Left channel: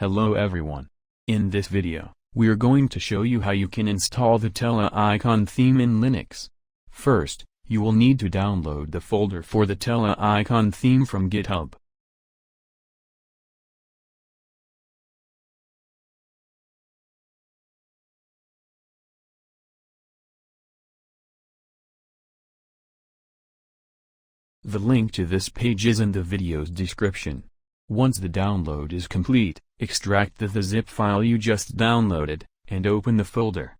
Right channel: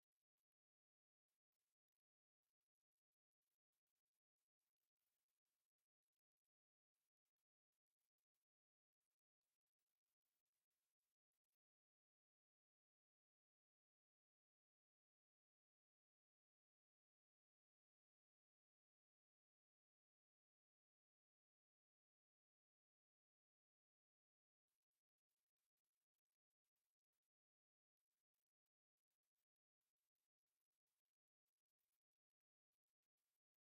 Hello everyone. In this video, we are going to show you how you can install the Tela icon theme in Linux. First, you will need to download the folder for the Tela icon theme from GitHub. The link to this page is in the video's description. Once the download is complete, extract the zip file you just downloaded, and open the folder.